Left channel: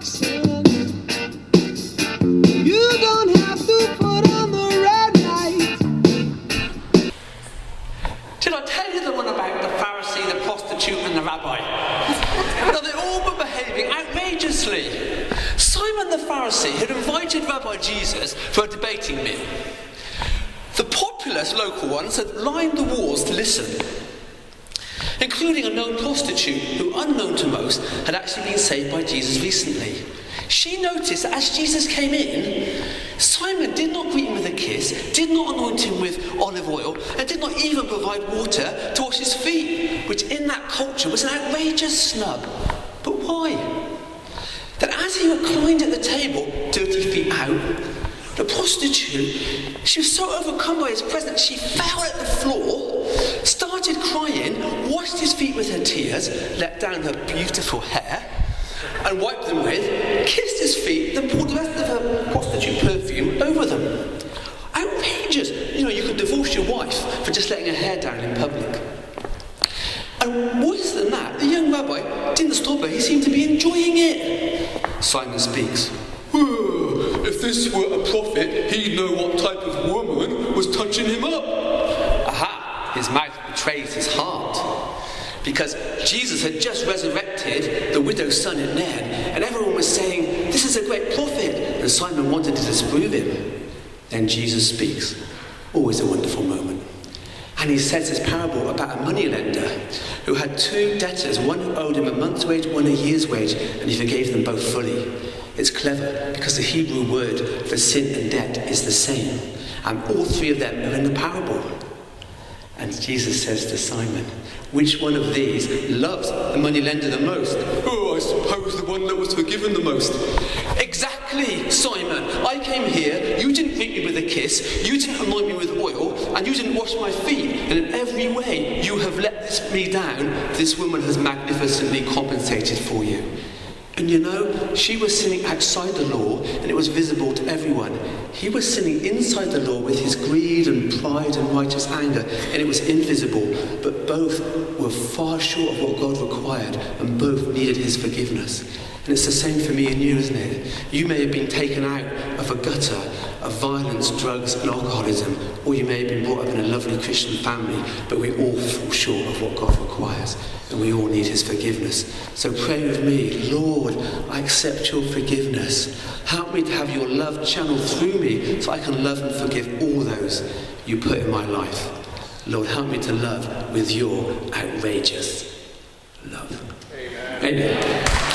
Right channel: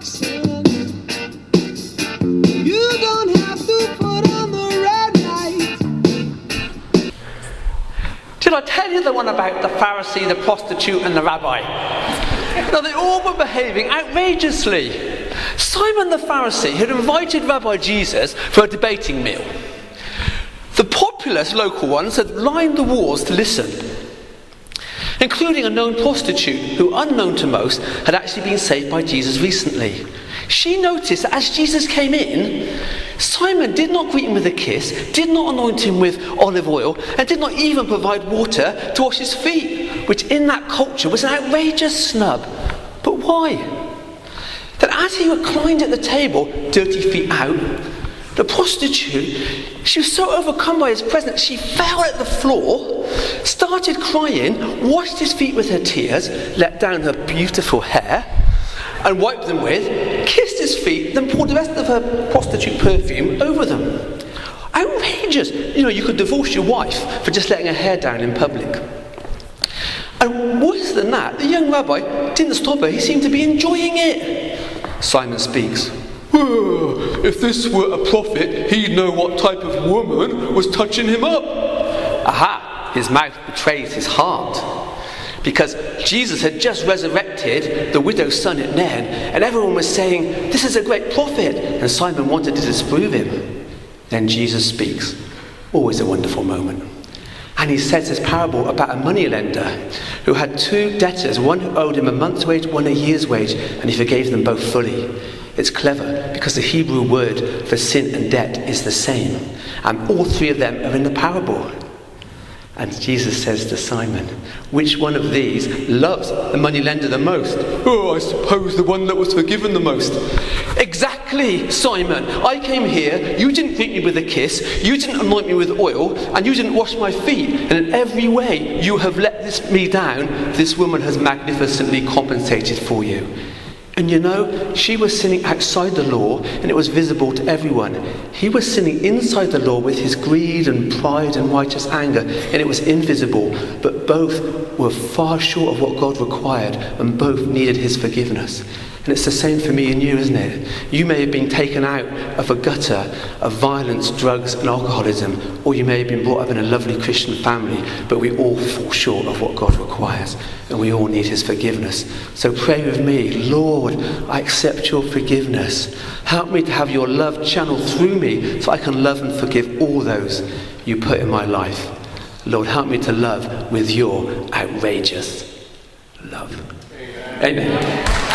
action. You don't have to put on the red light. Did I tell you the one about the Pharisee, the prostitute and the rabbi? No, they all were behaving outrageously. Simon the Pharisee had invited Rabbi Jesus for a debating meal. The populous local ones had lined the walls to listen, including a known prostitute who, unknown to most, had actually been saved by Jesus recently. She noticed that as Jesus came in, Simon did not greet him with a kiss, did not anoint him with olive oil, and did not even provide water to wash his feet, which in that culture was an outrageous snub. But why? That as he reclined at the table, dirty feet out, the prostitute, she was so overcome by his presence, she fell at the floor, started crying, washed his feet with her tears, let down her beautiful hair, and wiped them with, kissed his feet, then poured the rest of her prostitute perfume over them. Outrageous. You could divorce your wife for just letting her hair down in public. And worse than that, the young rabbi didn't stop her. He seemed to be enjoying it. Simon speaks. If this were a prophet, he'd know what type of woman was touching him up. Aha, his mouth betrays his heart. Because Jesus had just resurrected the widow's son at Nain, and everyone was saying, this is a great prophet, and Simon wanted to disprove him. Then Jesus speaks. Always a wonderful moment. And he says this parable about a moneylender who had two debtors, one who owed him a month's wage, one a year's wage, and he forgave them both fully. It's clever because the Hebrew word for sin and debt is the same, and all three of them are in the parable. And Jesus says to Simon, which one of these loves the moneylender the most? Oh, I suppose the one that was forgiven the most. Exactly, Simon. I came here, you didn't greet me with a kiss, you didn't anoint me with oil, and you didn't wash my feet. And in every way you have let me down. This woman has magnificently compensated for you. And she was sinning outside the law, and it was visible to everyone. He was sinning inside the law with his greed and pride and righteous anger, and it was invisible. But both were far short of what God required, and both needed his forgiveness. And it's the same for me and you, isn't it? You may have been taken out of a gutter of violence, drugs and alcoholism, or you may have been brought up in a lovely Christian family, but we all fall short of what God requires, and we all need his forgiveness. So pray with me, Lord, I accept your forgiveness. Help me to have your love channeled through me so I can love and forgive all those you put in my life. Lord, help me to love with your outrageous love. Amen.